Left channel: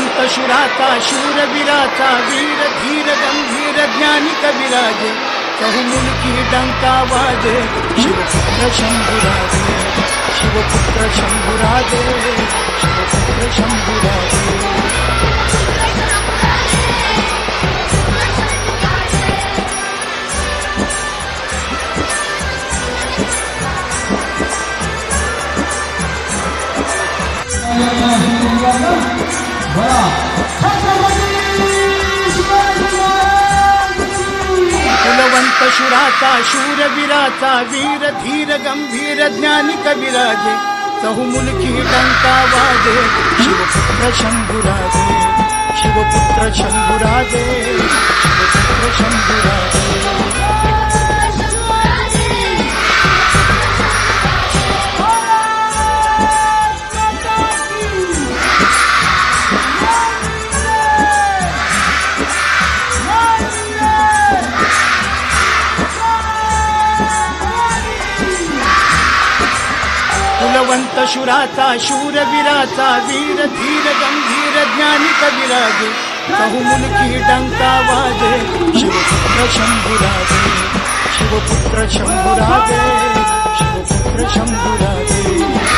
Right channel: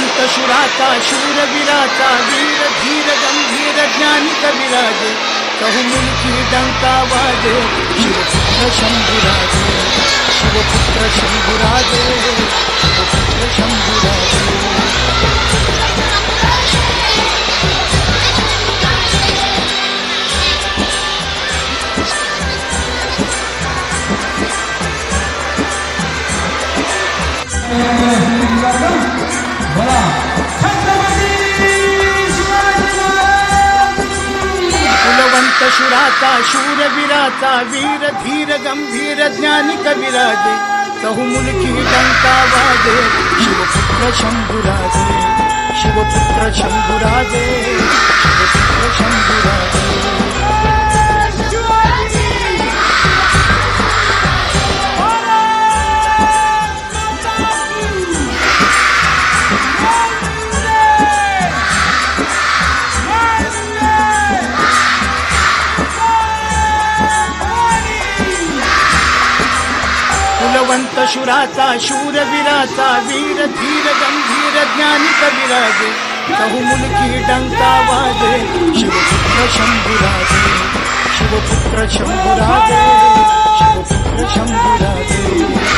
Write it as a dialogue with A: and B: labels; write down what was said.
A: कुलवंत शुराचा शूरवीराचा वीर, धीर, गंभीर ज्ञानी कविराजे चहुमुलकी डंका वाजे, शिवपुत्र शंभुराजे शिवपुत्र शंभुराजे शिवपुत्र शंभुराजे। कुलवंत शूर विराता, वीर धीर गंभीर ज्ञानी कविराजे की डंका वाजे, शिवपुत्र शंभुराजे शिवपुत्र शंभुराजे शिवपुत्र शंभुराजे। कुलवंत शुराचा शूरवीराचा वीर, धीर, गंभीर, ज्ञानी कविराजे की डंका वाजे शिवपुत्र शंभुराजे शिवपुत्र शंभुराजे शिवपुत्र शंभुराजे।